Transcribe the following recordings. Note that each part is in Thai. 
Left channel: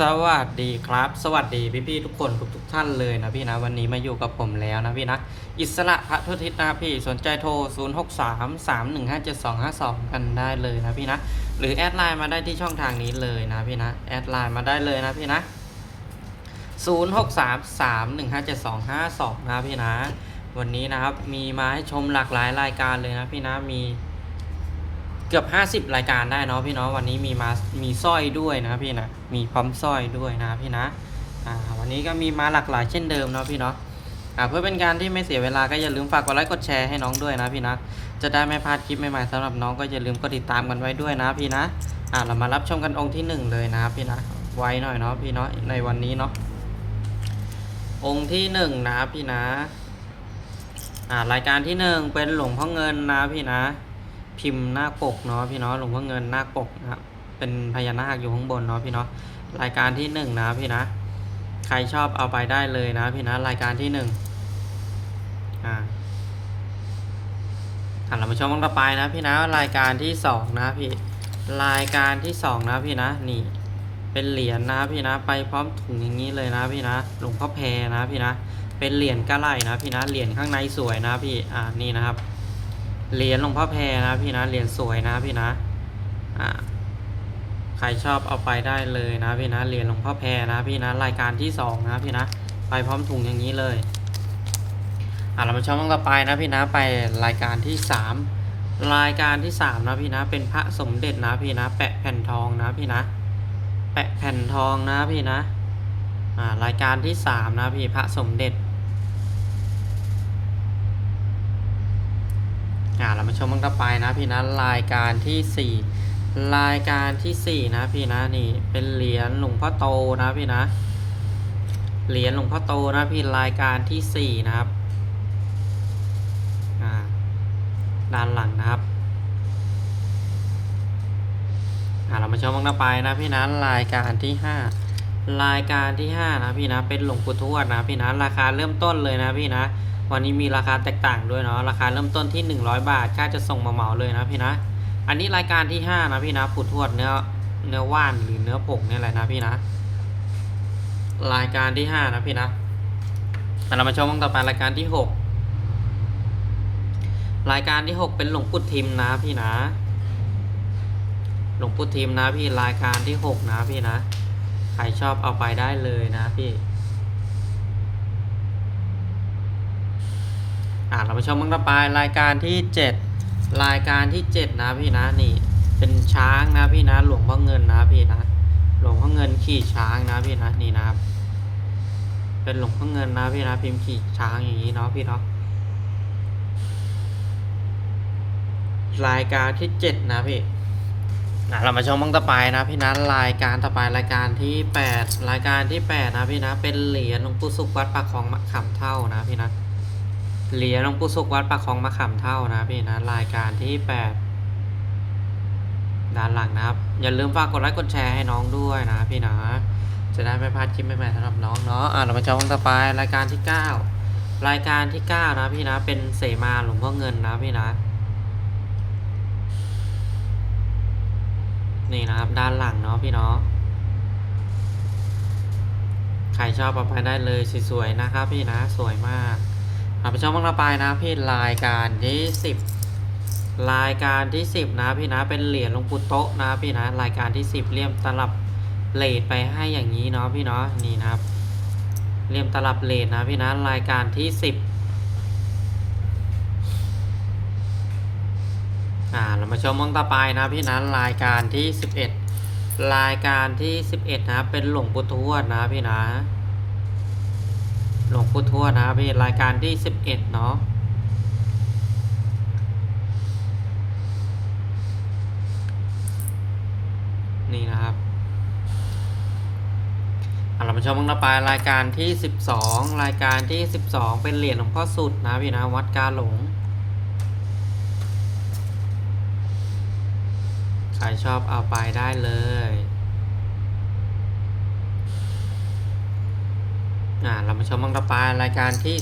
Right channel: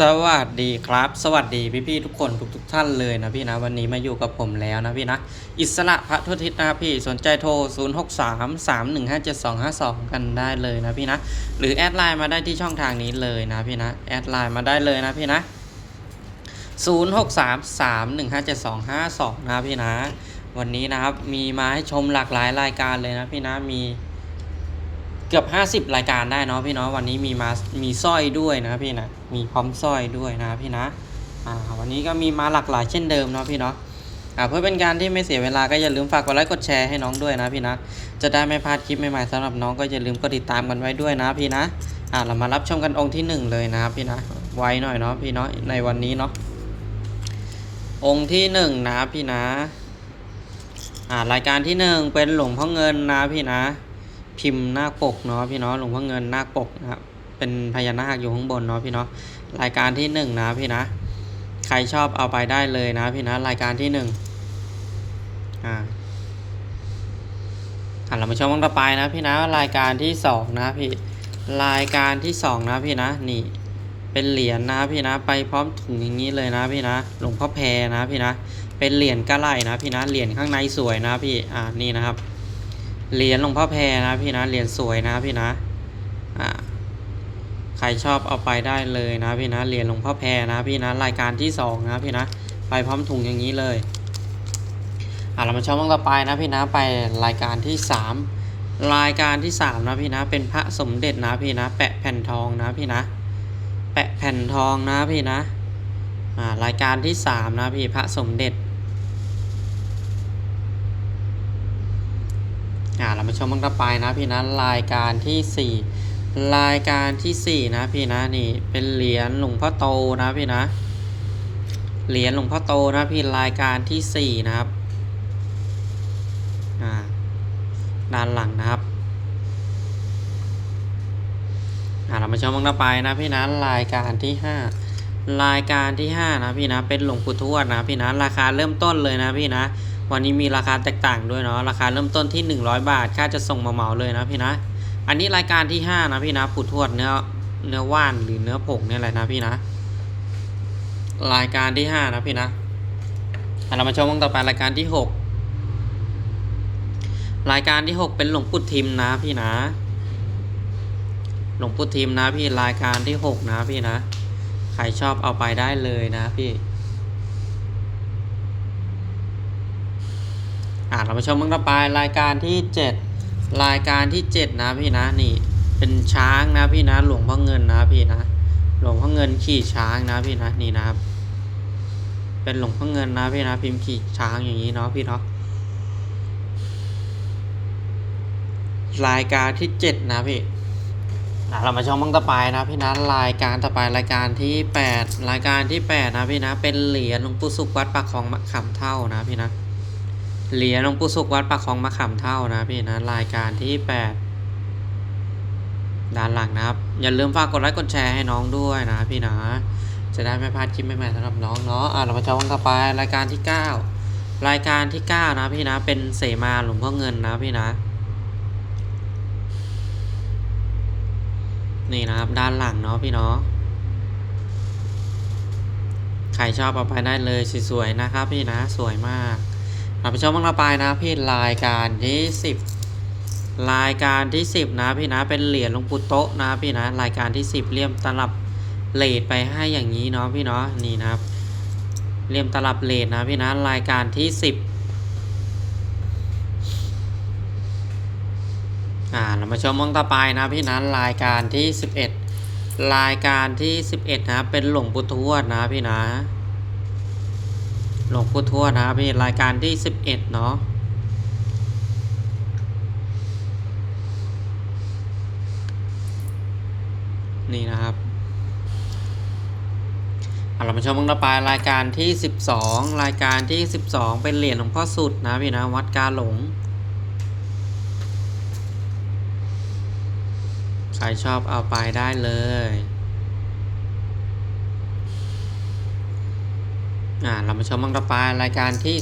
สวัสดีครับ สวัสดีพี่ๆทุกคนทุกทุกท่านเลยนะพี่นะวันนี้มาอยู่กับผมแล้วนะพี่นะอิสระพระทุทิศนะพี่สนใจโทร 0 6 3 3 1 5 7 2 5 2 กันได้เลยนะพี่นะหรือแอดไลน์มาได้ที่ช่องทางนี้เลยนะพี่นะแอดไลน์มาได้เลยนะพี่นะ 0 6 3 3 1 5 7 2 5 2 นะพี่นะ วันนี้นะครับมีมาให้ชมหลากหลายรายการเลยนะพี่นะมี เกือบ 50 รายการได้เนาะพี่เนาะวันนี้มีมามีสร้อยด้วยนะพี่นะมีพร้อมสร้อยด้วยนะพี่นะอ่าวันนี้ก็มีมาหลากหลายเช่นเดิมเนาะพี่เนาะอ่าเพื่อเป็นการที่ไม่เสียเวลาก็อย่าลืมฝากกดไลค์กดแชร์ให้น้องด้วยนะพี่นะจะได้ไม่พลาดคลิปใหม่ๆสำหรับน้องก็อย่าลืมกดติดตามกันไว้ด้วยนะพี่นะอ่าเรามารับชมกันองค์ที่หนึ่งเลยนะครับพี่นะไว้หน่อยเนาะพี่เนาะในวันนี้เนาะองค์ที่หนึ่งนะพี่นะอ่ารายการที่หนึ่งเป็นหลวงพ่อเงินนะพี่นะ พิมพ์หน้าปกเนาะพี่เนาะหลวงพ่อเงินหน้าปกนะครับเป็นพญานาคอยู่ข้างบนเนาะพี่เนาะรายการที่หนึ่งนะพี่นะ ใครชอบเอาไปได้เลยนะพี่นะรายการที่หนึ่งอ่าอะเรามาชมกันต่อไปนะพี่นะรายการที่สองนะพี่รายการที่สองนะพี่นะนี่เป็นเหรียญนะพี่นะไปพร้อมถุงอย่างนี้เลยนะพี่นะหลวงพ่อแพรนะพี่นะเป็นเหรียญกระไหลนะพี่นะเหรียญข้างในสวยนะพี่อ่านี่นะครับ เหรียญหลวงพ่อแพรนะพี่นะเหรียญสวยนะพี่นะอ่าใครชอบเอาไปได้เลยนะพี่นะเหรียญหลวงพ่อแพรนะพี่นะรายการที่สองนะพี่นะไปพร้อมถุงอย่างนี้เลยอ่าเรามาชมต่อไปนะพี่นะไปรายการที่สามรายการที่สามนะพี่นะเป็นพระสมเด็จนะพี่นะ แปะแผ่นทองนะพี่นะ แปะแผ่นทองนะพี่นะอ่ารายการที่สามนะพี่พระสมเด็จ อ่าเรามาชมมันต่อไปนะพี่นะรายการที่สี่รายการที่สี่นะพี่นะนี่เป็นเหรียญหลวงพ่อโตนะพี่นะ เหรียญหลวงพ่อโตนะพี่รายการที่สี่นะครับอ่าด้านหลังนะครับอ่าเรามาชมมันต่อไปนะพี่นะรายการที่ห้ารายการที่ห้านะพี่นะเป็นหลวงปู่ทวดนะพี่นะราคาเริ่มต้นเลยนะพี่นะ วันนี้มีราคาแตกต่างด้วยเนาะราคาเริ่มต้นที่ 100 บาท ค่าจะส่งมาเหมาเลยนะพี่นะ อันนี้รายการที่ 5 นะพี่นะปุดทวดเนื้อเนื้อว่านหรือเนื้อผงเนี่ยแหละนะพี่นะ รายการที่ 5 นะพี่นะอะเรามาชมกันต่อไปรายการที่ 6 รายการที่ 6 เป็นหลวงปู่ทิมนะพี่นะ หลวงปู่ทิมนะพี่รายการที่ 6 นะพี่นะ ใครชอบเอาไปได้เลยนะพี่ อ่าเรามาชมมันต่อไปรายการที่ 7 รายการที่ 7 นะพี่นะนี่เป็นช้างนะพี่นะหลวงพ่อเงินนะพี่นะหลวงพ่อเงินขี่ช้างนะพี่นะนี่นะครับ เป็นหลวงพ่อเงินนะพี่นะพิมพ์ขี่ช้างอย่างนี้เนาะพี่เนาะรายการที่ 7 นะพี่อะเรามาชมมันต่อไปนะพี่นะรายการต่อไปรายการที่ 8 รายการที่ 8 นะพี่นะเป็นเหรียญหลวงปู่สุขวัดปากคลองมะขามเท่านะพี่นะ เหรียญหลวงปู่สุขวัดปากคลองมะขามเท่านะพี่นะรายการที่8ด้านหลังนะครับ อย่าลืมฝากกดไลค์กดแชร์ให้น้องด้วยนะพี่นะจะได้ไม่พลาดคลิปใหม่ๆสำหรับน้องเนาะอะเรามาชมกันต่อไปรายการที่9รายการที่9นะพี่นะเป็นเสมาหลวงพ่อเงินนะพี่นะนี่นะครับด้านหลังเนาะพี่เนาะใครชอบเอาไปได้เลยสวยๆนะครับพี่นะสวยมาก อะไปชมบ้างต่อไปนะพี่รายการที่สิบรายการที่สิบนะพี่นะเป็นเหรียญหลวงปู่โตะนะพี่นะรายการที่สิบเลี่ยมตลับเลทไปให้อย่างนี้เนาะพี่เนาะนี่นะครับเลี่ยมตลับเลทนะพี่นะรายการที่สิบอ่าเรามาชมบ้างต่อไปนะพี่นะรายการที่สิบเอ็ดรายการที่สิบเอ็ดนะเป็นหลวงปู่ทวดนะพี่นะ หลวงปู่ทวดนะครับพี่รายการที่สิบเอ็ดเนาะนี่นะครับเอาเรามาชมกันต่อไปรายการที่สิบสองรายการที่สิบสองเป็นเหรียญหลวงพ่อสุดนะพี่นะวัดกาหลงใครชอบเอาไปได้เลย อ่าเรามาชมมังต่อไปรายการที่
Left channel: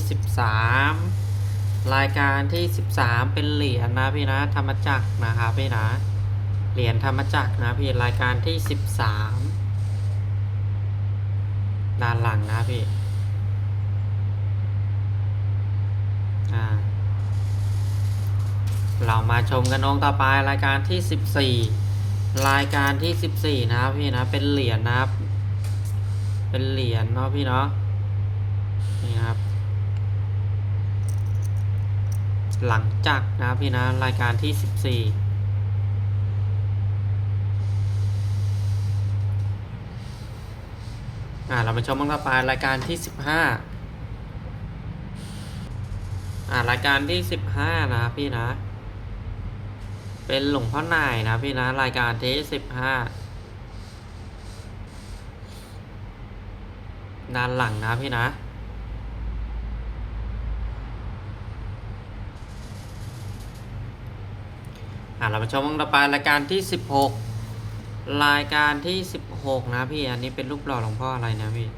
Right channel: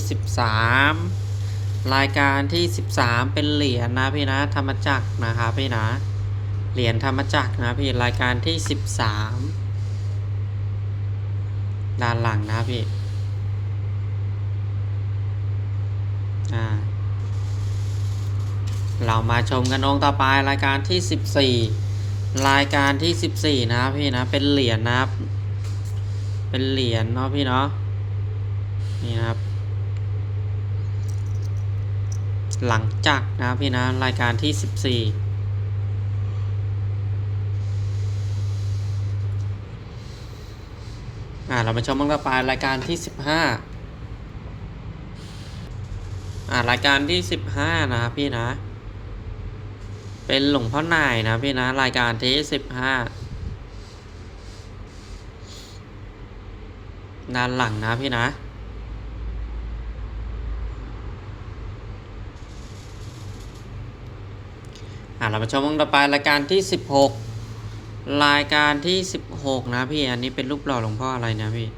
13 รายการที่ 13 เป็นเหรียญนะพี่นะธรรมจักรนะครับพี่นะเหรียญธรรมจักรนะพี่รายการที่ 13 ด้านหลังนะพี่อ่าเรามาชมกันองค์ต่อไปรายการที่สิบสี่รายการที่สิบสี่นะครับพี่นะเป็นเหรียญนะครับเป็นเหรียญเนาะพี่เนาะ นี่นะครับ หลังจากนะครับพี่นะรายการที่สิบสี่อ่าเรามาชมกันต่อไปรายการที่สิบห้าอ่ารายการที่สิบห้านะครับพี่นะ เป็นหลวงพ่อนายนะพี่นะ รายการที่สิบห้าด้านหลังนะพี่นะ เรามาชมกันต่อไปรายการที่สิบหกรายการที่สิบหกนะพี่ อันนี้เป็นรูปหล่อหลวงพ่ออะไรนะพี่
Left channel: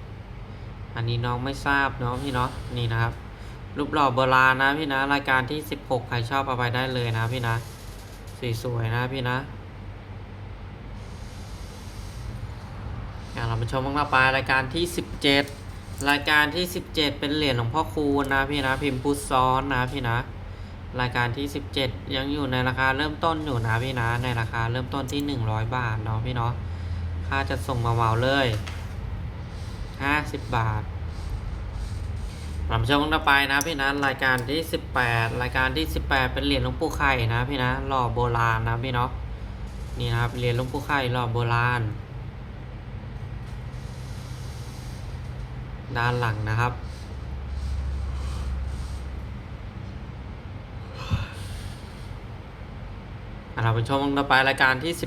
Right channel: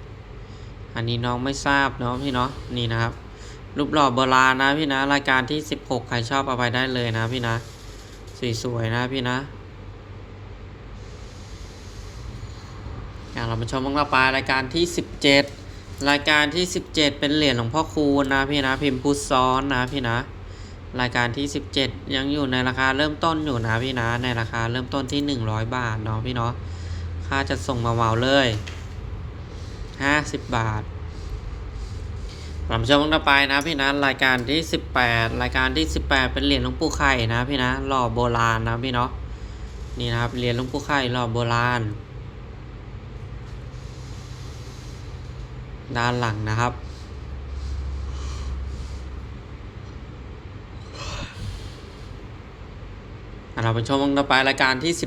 อันนี้น้องไม่ทราบเนาะพี่เนาะ นี่นะครับ รูปหล่อโบราณนะพี่นะ รายการที่ 16 ใครชอบเอาไปได้เลยนะพี่นะ สวยๆนะพี่นะอ่าเรามาชมบ้างต่อไปรายการที่ 17 รายการที่ 17 เป็นเหรียญหลวงพ่อคูณนะพี่นะ พิมพ์พุทซ้อนนะพี่นะ รายการที่ 17 ยังอยู่ในราคาเริ่มต้นอยู่นะพี่นะ ในราคาเริ่มต้นที่ 100 บาทเนาะพี่เนาะ ค่าจะส่งมาเมาเลย 50 บาทผมชมต่อไปนะพี่นะ รายการที่ 18 รายการที่ 18 เป็นเหรียญหลวงปู่ไข่นะพี่นะหล่อโบราณนะพี่เนาะ นี่นะครับเหรียญหลวงปู่ไข่หล่อโบราณ ด้านหลังนะครับอะ เราไปชมต่อไปรายการที่ 19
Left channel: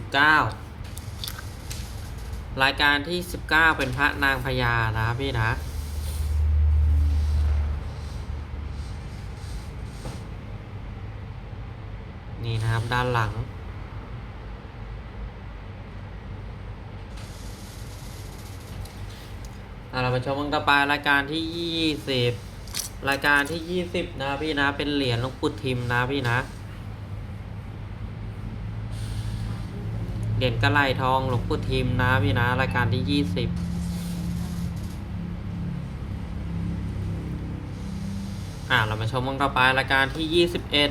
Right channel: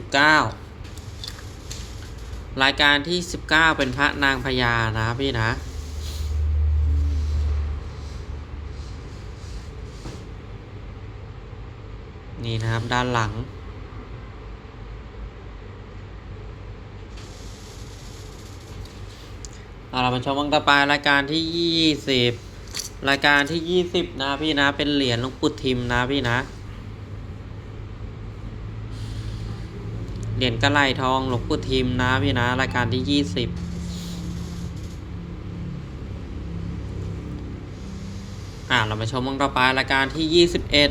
รายการที่ 19 เป็นพระนางพญานะพี่นะนี่นะครับด้านหลัง เรามาชมกันต่อไปรายการที่ยี่สิบรายการที่ยี่สิบนะพี่นะเป็นเหรียญหลวงปู่ทิมนะพี่นะ เหรียญกระไหลทองหลวงปู่ทิมนะพี่นะรายการที่ยี่สิบอะเรามาชมกันต่อไปรายการที่ยี่สิบเอ็ด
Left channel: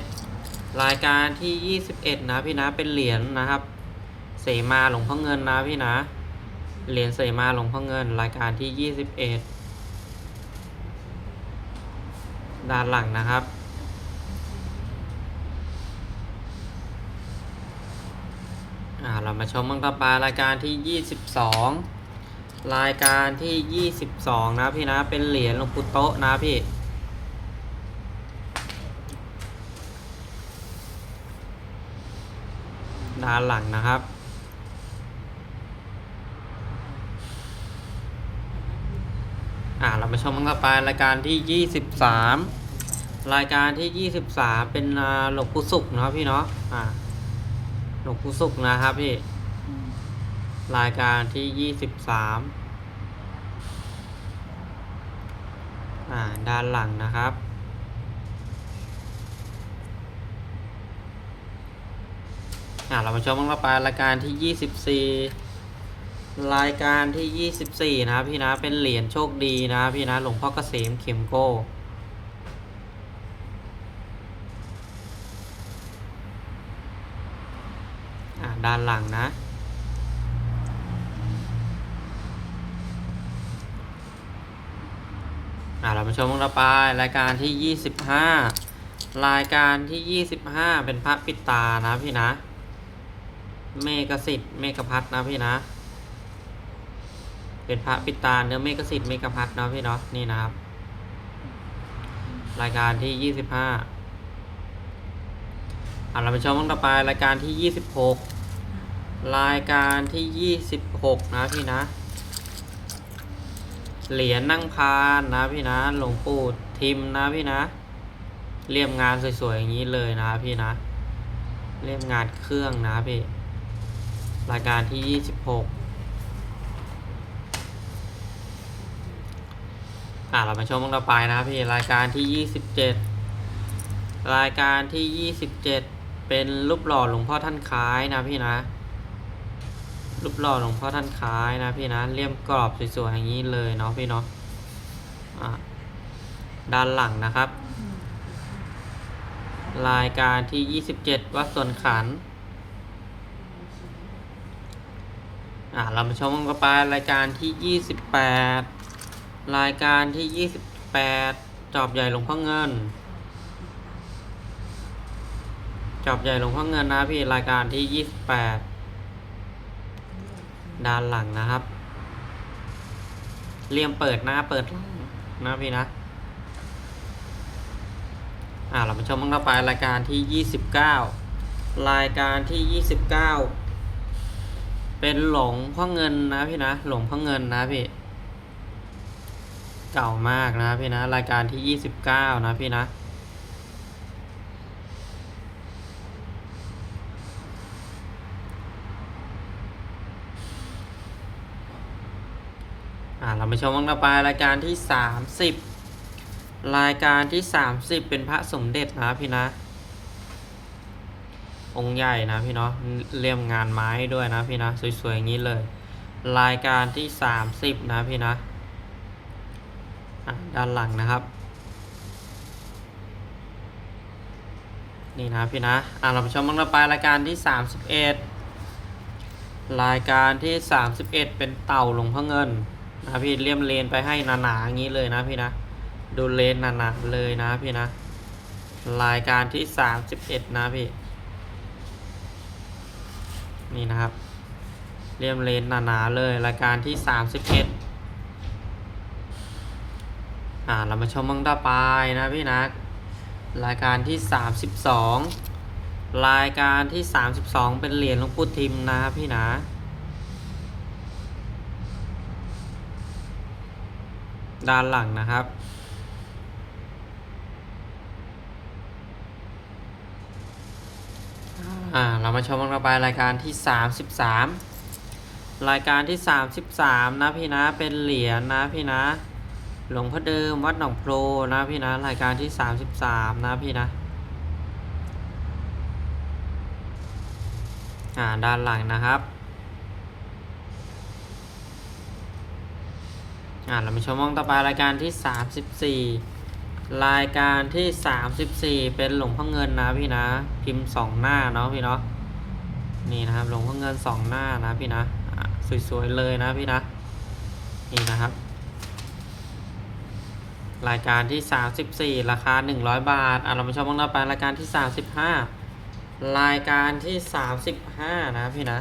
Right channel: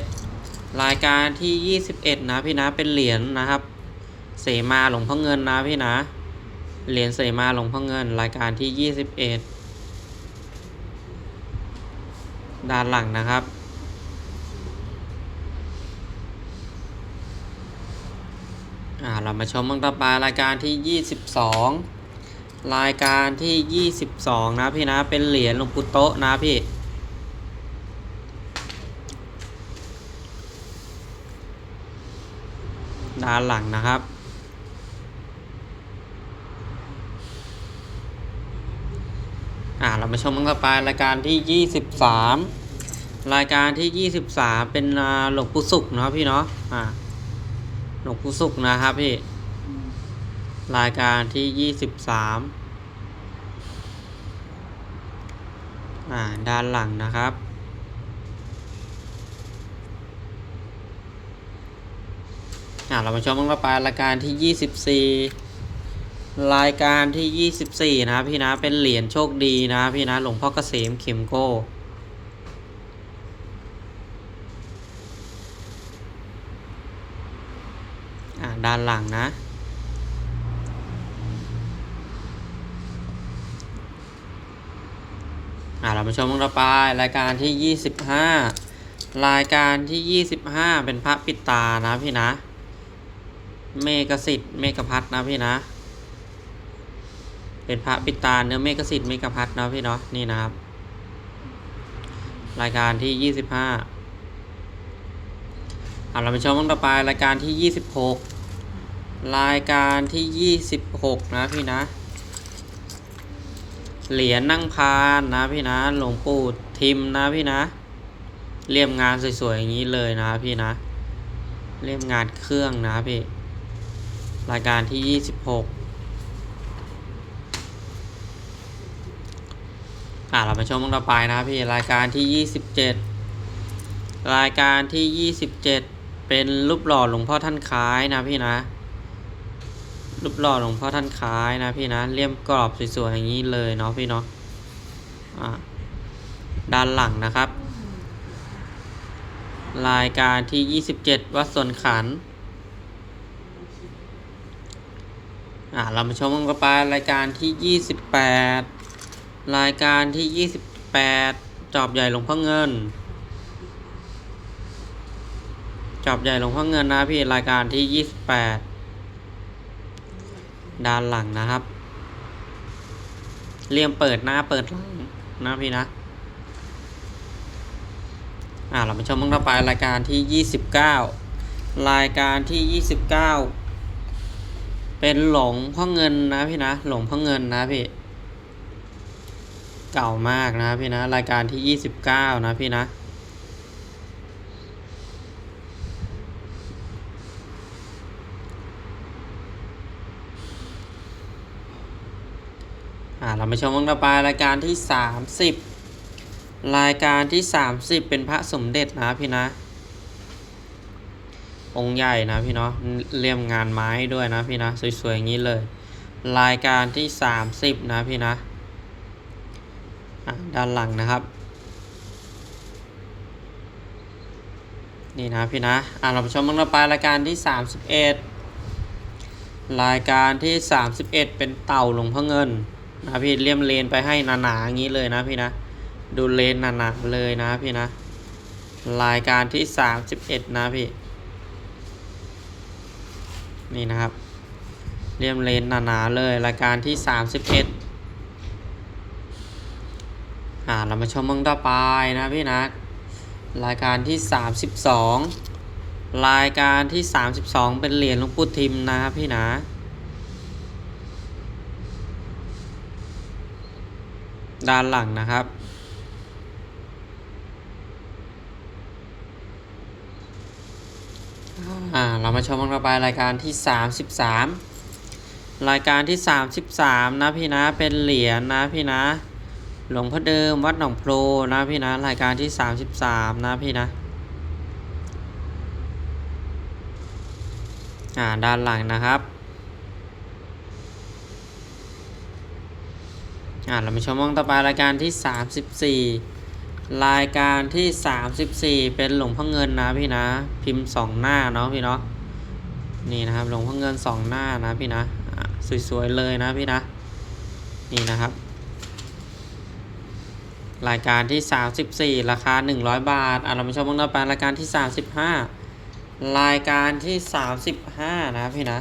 รายการที่21นะพี่นะเป็นเหรียญนะครับ เสมาหลวงพ่อเงินนะพี่นะเหรียญเสมาหลวงพ่อเงิน รายการที่21ด้านหลังนะครับ อ่าเรามาชมบ้างต่อไปรายการที่ 22 รายการที่ 22 นะพี่นะเป็นเหรียญหลวงปู่โตะนะพี่ด้านหลังนะครับ อ่าเรามาชมกันต่อไปรายการที่ 23 รายการที่ 23 เป็นหลวงปู่สุขเนาะพี่เนาะ อ่า หลวงปู่สุขนะครับพี่ รายการที่23อ่า ด้านหลังนะครับ อ่า เรามาชมกันต่อไปรายการที่24รายการที่ 24 นะครับพี่นะ เป็นเหรียญโชคดีนะพี่นะ หลวงพ่อเกษมเข็มโก้ ด้านหลังนะ อ่าเรามาชมกันต่อไปรายการที่ 25 รายการที่ 25 เป็นพระปิดตานะพี่นะ เมกสิทธิ์เมกพัทนะพี่นะ เป็นพระปิดตาเนื้อเมกสิทธิ์เมกพัทนะพี่เนาะนี่นะครับ รายการที่ยี่สิบห้าเอาเราไปชมกันต่อไปรายการที่ยี่สิบหก รายการที่ยี่สิบหกนะพี่นะ เหรียญนั่งพานนะพี่นะ หลวงปู่ทิมนะพี่นะ เรียบงานสวยๆอย่างนี้เลยนะพี่นะ เรียบงานเครื่องนะพี่ รายการที่ 26อ่าเรามาชมกันต่อไปนะครับพี่รายการที่ 27 รายการที่ 27 เป็นรูปหล่อหลวงพ่อท่านคล้ายนะพี่นะ รูปหล่อหลวงพ่อท่านคล้ายนะพี่นะเลี่ยมกรอบสวยๆอย่างนี้เลยเนาะพี่เนาะอ่าด้านหลังนะครับ รายการที่ 27 วัดสวนขันอ่าเรามาชมกันไปรายการที่ 28 รายการที่ 28 จอบใหญ่หลวงพ่อเงิน จอบใหญ่หลวงพ่อเงินนะพี่รายการที่ 28 ด้านหลังนะครับเลี่ยมเปิดหน้าเปิดหลังนะพี่นะอ่าเรามาชมกันต่อไปรายการที่ 29 รายการที่ 29 เป็นหลงพ่อเงินนะพี่นะหลงพ่อเงินนะพี่เก่ามากนะพี่นะรายการที่ 29 นะพี่นะ อ่าเรา มาชมกันต่อไปรายการที่ 30 รายการที่ 30 เป็นพระสมเด็จนะพี่นะ องค์ใหญ่นะพี่เนาะเลี่ยมงานไม้ด้วยนะพี่นะสวยๆอย่างนี้เลย รายการที่ 30 นะพี่นะด้านหลังนะครับ นี่นะพี่นะอ่าเราไปชมกันต่อไปรายการที่ 31 รายการที่ 31 เป็นเต่าหลวงพ่อเงิน นะพี่เลี่ยมเลนไปให้หนาๆอย่างนี้เลยนะพี่นะ ดูเลนหนาๆเลยนะพี่นะ รายการที่31นะพี่ นี่นะครับ เลี่ยมเลนหนาๆเลย รายการที่31อ่าเรามาชมมังต่อไปนะพี่นะ รายการที่32รายการที่32เป็นเหรียญหลวงปู่ทิมนะพี่นะ ด้านหลังนะครับ อ่า เรามาชมกันต่อไปรายการที่ 33 รายการที่ 33 นะพี่นะ เป็นเหรียญนะพี่นะ หลวงพ่อเดิมวัดหนองโพรนะพี่นะ รายการที่ 33 นะพี่นะ อ่า ด้านหลังนะครับ อ่าเรามาชมมองต่อไปรายการที่ 34 รายการที่ 34 เป็นหลวงพ่อเงินนะพี่นะ พิมพ์สองหน้าเนาะพี่เนาะนี่นะครับหลวงพ่อเงินสองหน้านะพี่นะสวยๆเลยนะพี่นะนี่นะครับ รายการที่ 34 ราคา 100 บาทอะเรามาชมกันต่อไปรายการที่ 35 รายการที่ 35 นะพี่นะ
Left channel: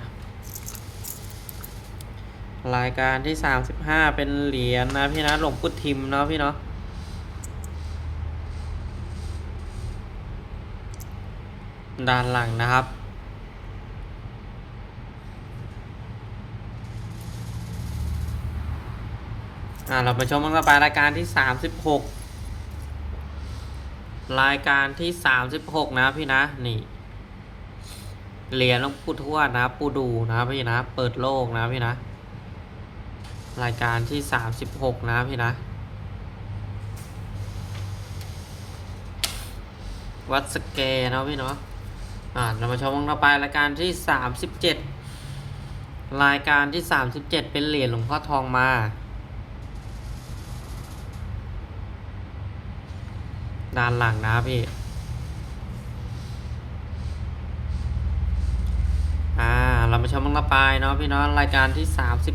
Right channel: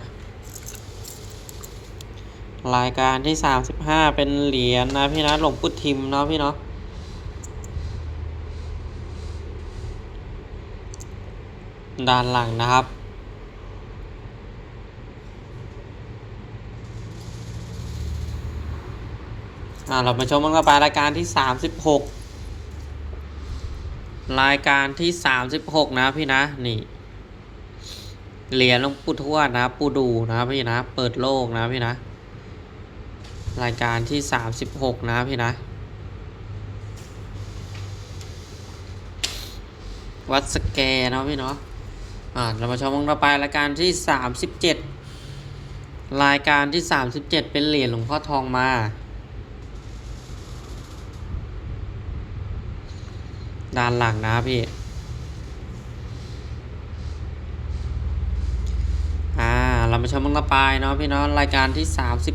รายการที่35เป็นเหรียญนะพี่นะหลวงปู่ทิมเนาะพี่เนาะด้านหลังนะครับ อ่าเรามาชมกันต่อไปรายการที่36รายการที่36นะพี่นะนี่เหรียญหลวงปู่ทวดนะ ปูดูนะพี่นะ เปิดโลกนะพี่นะ รายการที่ 36 นะพี่นะ วัดสแกเนาะพี่เนาะอ่าเรามาชมกันต่อไปรายการที่ 37 รายการที่ 37 เป็นเหรียญหลวงพ่อทองมาด้านหลังนะพี่ อ่า เรามาชมมังละปายเนาะพี่เนาะรายการที่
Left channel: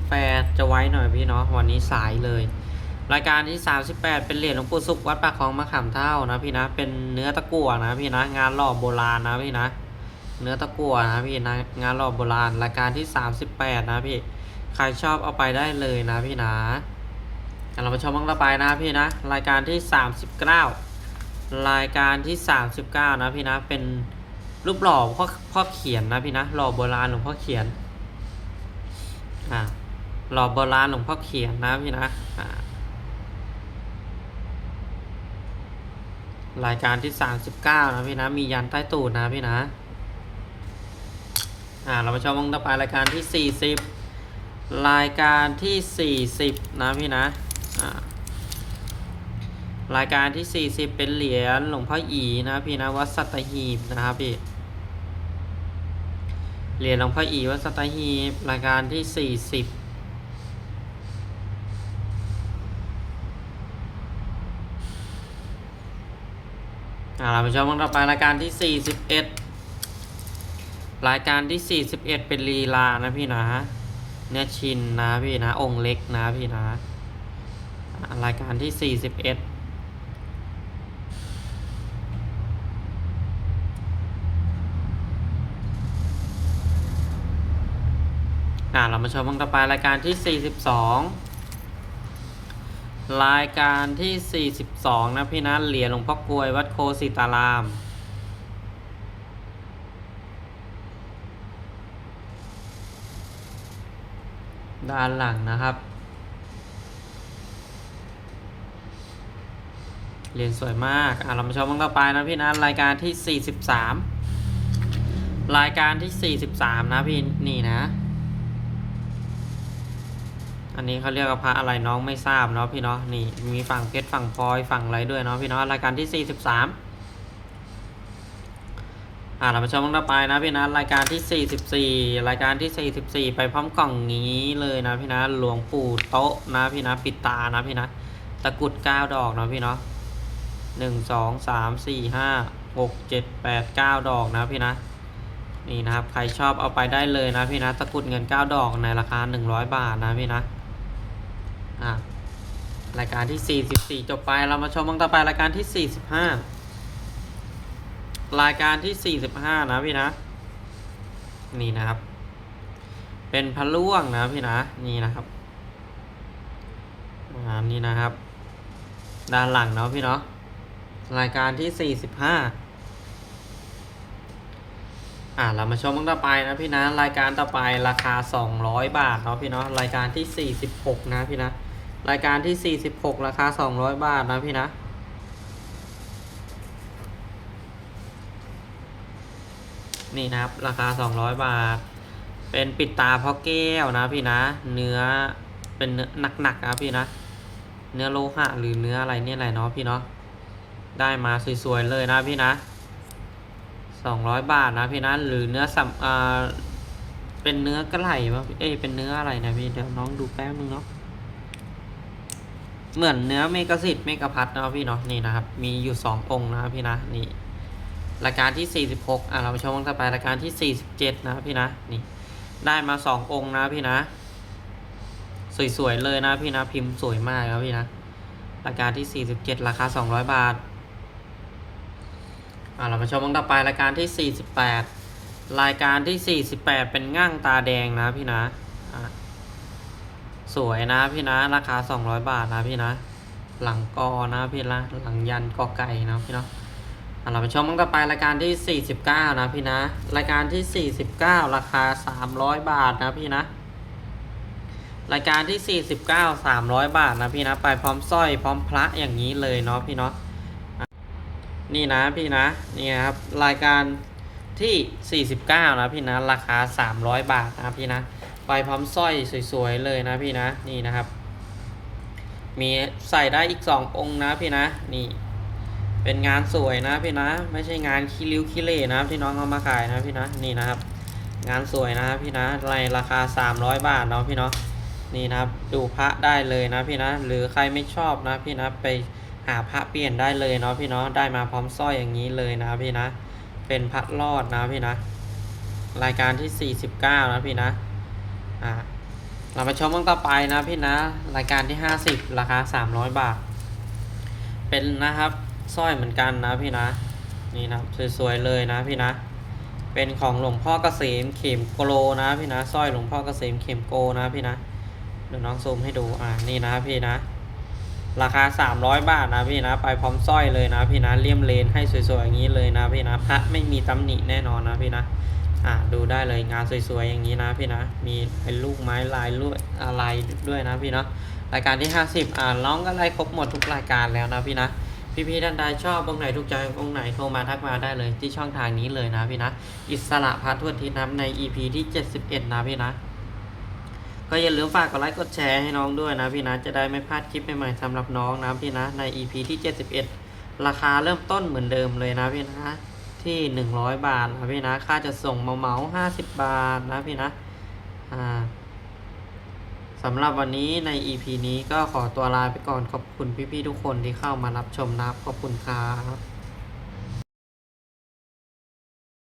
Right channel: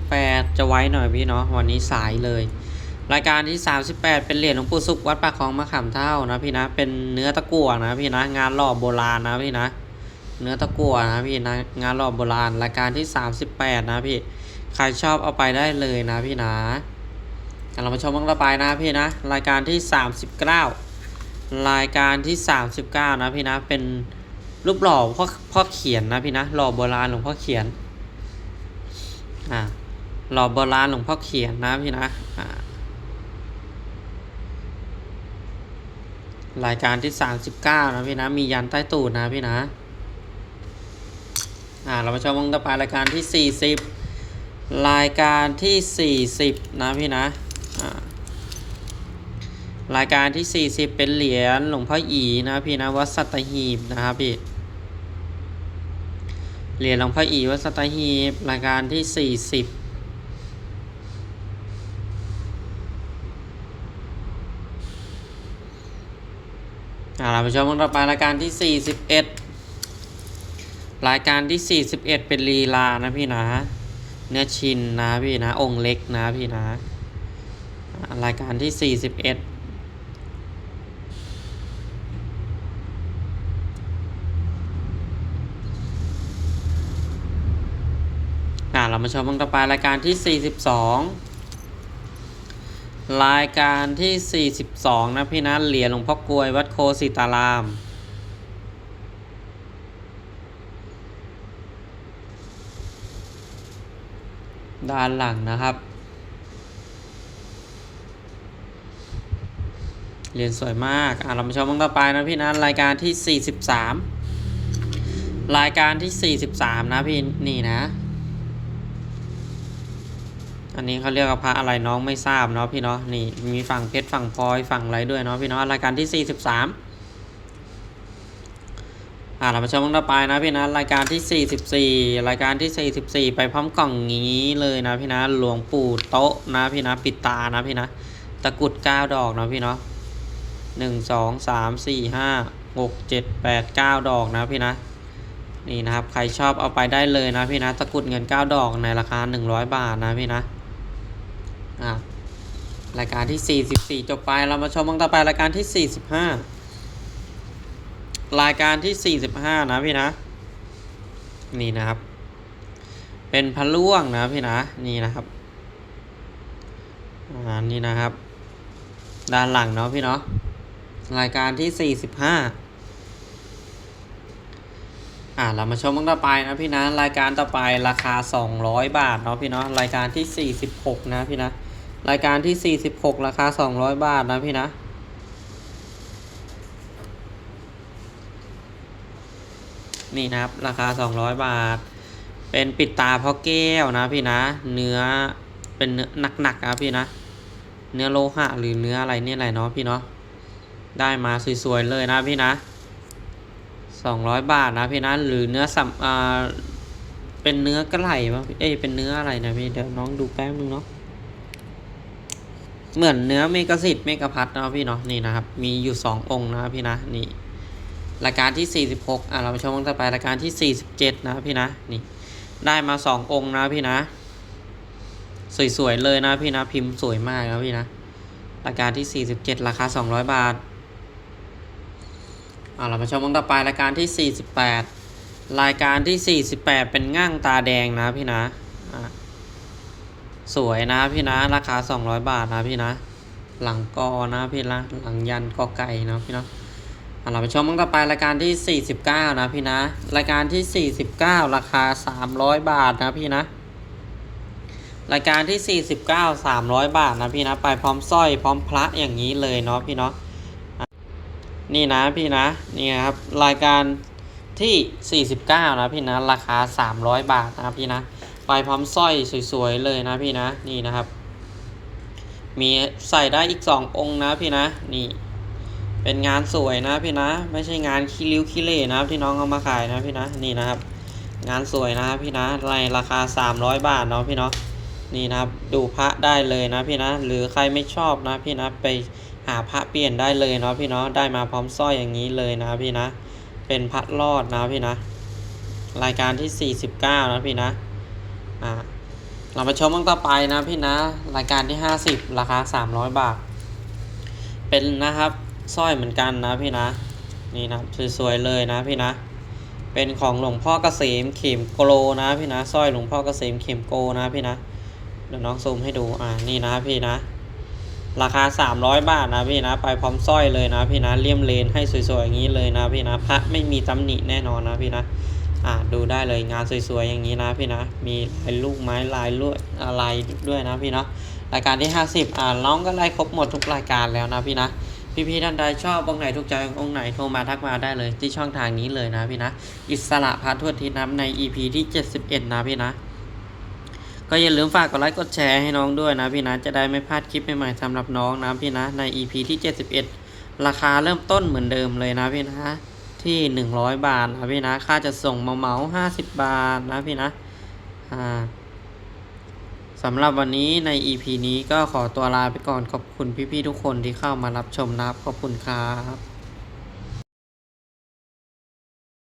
38 จะไว้หน่อยพี่เนาะวันนี้สายเลย รายการที่ 38 เป็นเหรียญหลวงปู่สุขวัดปากคลองมะขามเท่านะพี่นะเป็นเนื้อตะกั่วนะพี่นะงานหล่อโบราณนะพี่นะ เนื้อตะกั่วนะพี่นะงานหล่อโบราณ รายการที่ 38 นะพี่ใครชอบเอาไปได้เลยนะพี่นะเรามาชมมังละปายนะพี่นะ รายการที่ 39 รายการที่ 39 นะพี่นะเป็น รูปหล่อพ่อพ่อเขียนนะพี่นะหล่อโบราณหลวงพ่อเขียนอ่าหล่อโบราณหลวงพ่อเขียนนะพี่นะอ่ารายการที่39นะพี่นะ มียันใต้ตูดนะพี่นะอ่าเรามาชมมองต่อไปรายการที่40รายการที่40นะพี่นะอ่ารายการที่40เป็นเหรียญหลวงพ่ออีนะพี่นะวัดสัตหีบนะครับพี่ เหรียญหลวงพ่ออีวัดสตาฮีบรายการที่ 40เอาล่ะผู้ชมกันต่อไปรายการที่ 41 รายการที่ 41 เป็นลีลานะพี่นะเนื้อชินนะพี่นะองค์เล็กนะพี่นะ รายการที่ 41 อ่าเรามาชมกันต่อไปรายการที่ 42 รายการที่ 42 นะพี่นะเหรียญหลวงพ่อกลวยวัดโคสิตาราม ด้านหลังนะครับ เหรียญสวยมากอ่าเรามาชมกันต่อไปนะพี่นะรายการที่ 43 รายการที่ 43 นะพี่นี่นะ อันนี้เขาเรียกว่าพระอะไรน้องไม่ทราบเนาะพี่เนาะนี่มีฝั่งเพชรฝั่งพลอยฝั่งอะไรด้วยเนาะพี่เนาะรายการที่43อ่าเรามาชมกันต่อไปนะพี่นะรายการที่ 44 รายการที่ 44 ไปพร้อมกล่องนี้เลยนะพี่นะหลวงปู่โต๊ะนะพี่นะปิดตานะพี่นะตะกุด9ดอกนะพี่เนาะ1 2 3 4 5 6 7 8 9ดอกนะพี่นะนี่นะครับใครชอบเอาไปได้เลยนะพี่นะตะกุดเงิน9ดอกในราคา100บาทนะพี่นะ อะรายการที่ 44 จบไปเรามาชมกันต่อไปรายการที่ 45 รายการที่ 45 นะพี่นะ นี่นะครับ เป็นพะล่วงนะพี่นะนี่นะครับอ่านี่นะครับ ด้านหลังเนาะพี่เนาะรายการที่ 45 อ่าเรามาชมกันต่อไปนะพี่นะรายการต่อไปราคา 200 บาทเนาะพี่เนาะรายการที่ 46 นะพี่นะ รายการที่ 46 ราคา 200 บาทนะพี่นะนี่นะครับ ราคา 200 บาท เป็นปิดตาพราะแก้วนะพี่นะ เนื้อเป็นเนื้อหนักๆนะพี่นะ เนื้อโลหะหรือเนื้ออะไรเนี่ยอะไรเนาะพี่เนาะได้มาสวยๆเลยนะพี่นะสองร้อยบาทนะพี่นะ หรือเนื้อสัมอ่าเป็นเนื้อกระไหล่ปะเอ้ยเป็นเนื้ออะไรนะพี่เดี๋ยวน้องดูแป๊บนึงเนาะ เหมือนเนื้อเมกะสิทธิ์เมกะพัทนะครับพี่เนาะนี่นะครับ มีอยู่สององค์นะครับพี่นะนี่รายการที่สี่สิบหกอะเราไปชมกันต่อไปรายการที่สี่สิบเจ็ดนะพี่นะนี่ได้มาสององค์นะพี่นะ สวยๆเลยนะพี่นะพิมพ์สวยมากครับพี่นะรายการที่สี่สิบเจ็ดราคาสองร้อยบาทอ่าเรามาชมกันต่อไปรายการที่ 48 รายการที่ 48 เป็นง่างตาแดงนะพี่นะอ่า สวยนะพี่นะ ราคา 200 บาทนะพี่นะ หลังกอนะพี่นะหลังยันกอไก่นะพี่เนาะอ่าเราไปชมกันต่อไปรายการที่ 49 นะพี่นะ รายการที่ 49 ราคา 300 บาทนะพี่นะ รายการที่ 49 300 บาทนะพี่นะ ไปพร้อมสร้อยพร้อมพระอย่างนี้เลยเนาะพี่เนาะนี่นะพี่นะนี่ครับรายการที่ 49 นะพี่นะ ราคา 300 บาทนะพี่นะ ไปพร้อมสร้อยสวยๆเลยนะพี่นะนี่นะครับ มีใส่ได้อีก2องค์นะพี่นะนี่เป็นงานสวยนะพี่นะ ไม่ใช่งานคิริ้วคิเล่นะที่น้องเอามาขายนะพี่นะนี่นะครับ งานสวยนะพี่นะในราคา 300 บาทเนาะพี่เนาะนี่นะครับดูพระได้เลยนะพี่นะ หรือใครไม่ชอบนะพี่นะไปหาพระเปลี่ยนได้เลยเนาะพี่เนาะได้มาพร้อมสร้อยอย่างนี้เลยนะพี่นะ เป็นพระรอดนะพี่นะ รายการที่ 49 นะพี่นะ อ่าเรามาชมกันต่อไปนะพี่นะ รายการที่50ราคา300บาท เป็นนะครับสร้อยเหมือนกันนะพี่นะ นี่นะสวยๆเลยนะพี่นะ เป็นของหลวงพ่อเกษมเข็มโกโลนะพี่นะสร้อยหลวงพ่อเกษมเข็มโกนะพี่นะเดี๋ยวน้องซูมให้ดูอ่านี่นะพี่นะ ราคา300บาทนะพี่นะ ไปพร้อมสร้อยเลยนะพี่นะเลี่ยมเลนให้สวยๆอย่างนี้เลยนะพี่นะพระไม่มีตำหนิแน่นอนนะพี่นะ อ่าดูได้เลยงานสวยๆอย่างนี้นะพี่นะ มีลายลูกไม้ลายลวดอะไรด้วยนะพี่เนาะรายการที่ 50 อ่าน้องก็ไล่ครบหมดทุกรายการแล้วนะพี่นะพี่ๆท่านใดชอบองไหนทุกใจองไหนโทรมาทักมาได้เลยที่ช่องทางนี้เลยนะพี่นะ อิสระพาทั่วทิศนะครับใน EP ที่ 71 นะพี่นะ ก็อย่าลืมฝากกดไลค์กดแชร์ให้น้องด้วยนะพี่นะ จะได้ไม่พลาดคลิปใหม่ๆสำหรับน้องนะพี่นะใน EP ที่ 71 ราคาเริ่มต้นเหมือนเดิมเลยนะพี่นะ ทที่หนึ่งร้อยบาทนะพี่นะ ค่าจะส่งเมาเมาห้าสิบบาทนะพี่นะ อ่าสำหรับวันนี้ใน EP นี้ก็ขอตัวลาไปก่อนขอบคุณพี่ๆทุกคนที่เข้ามารับชมนะครับ ขอบคุณครับ